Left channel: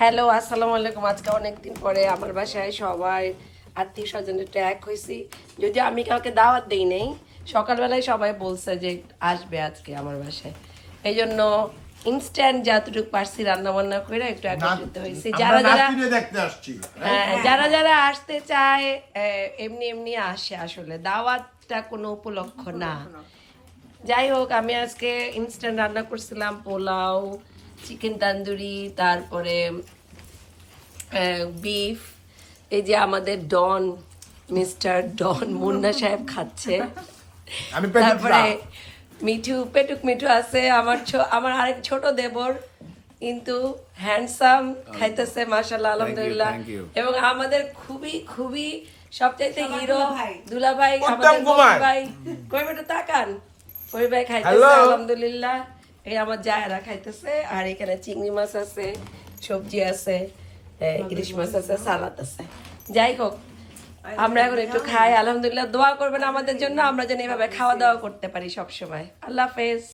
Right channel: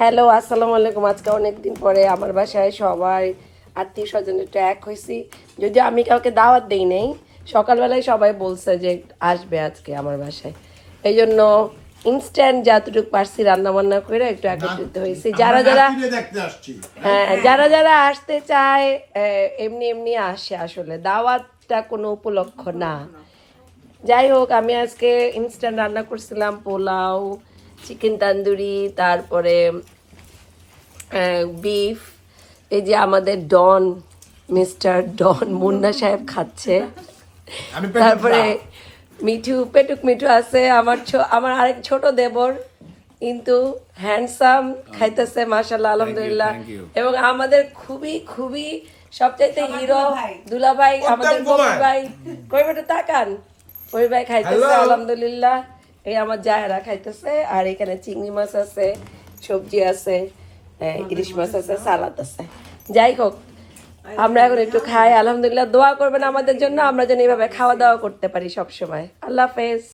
Hello, আসসালামু আলাইকুম। আজকে অনেকদিন পরে আমার বাসায় সবাই আত্মীয় স্বজন একটু এক হয়েছি। যদিও আমি কাউকে দাওয়াত দেই নাই, সকালবেলায় সবাই বলছে যে আসবে আজকে আমার বাসায়। এই জন্য ইনস্ট্যান্ট যতটুকু পারছি রান্না বান্না করে একটু একত্রিত হয়েছি। যারা যারা দেখতে আসছি যারা যারা আসতে চায় এমনি এমনি আসে, আসলে দাওয়াতটা কোনো উপলক্ষ না। যাই হোক, আমি আজকে ইনস্ট্যান্ট রান্না করছিলাম পোলাও, চিকেন তান্দুরি, তারপরে বিফ। এই যে আমাদের ডন, মিস্টার ডন মুন্না সাহেব খাচ্ছে। আমি তারপরে পেটুক মিঠু আছে, আমার আরেক ছোট দেবর, কিন্তু হ্যান্ডসাম, খাইতেছে মাশাআল্লাহ, আলহামদুলিল্লাহ। এবং আমাদের খুবই খুবই সবচাইতে হিরো দুলাভাই, আমাদের ভাই কইবেটা তাকান, ওই ভাই খাইতেছে আলহামদুলিল্লাহ। এই আমার জায়রা খাইতেছে, আর এখানে চিংড়ি মাছ আছে, সবজি আছে, ইলিশ মাছ আছে, সালাদ আছে। যাই হোক, আমরা এখন একটু খাই আলহামদুলিল্লাহ। দোয়া করবেন আমাদের জন্য, আমরা যেন এইভাবে খাওয়া দাওয়া করতে পারি সবসময়। আল্লাহ হাফেজ।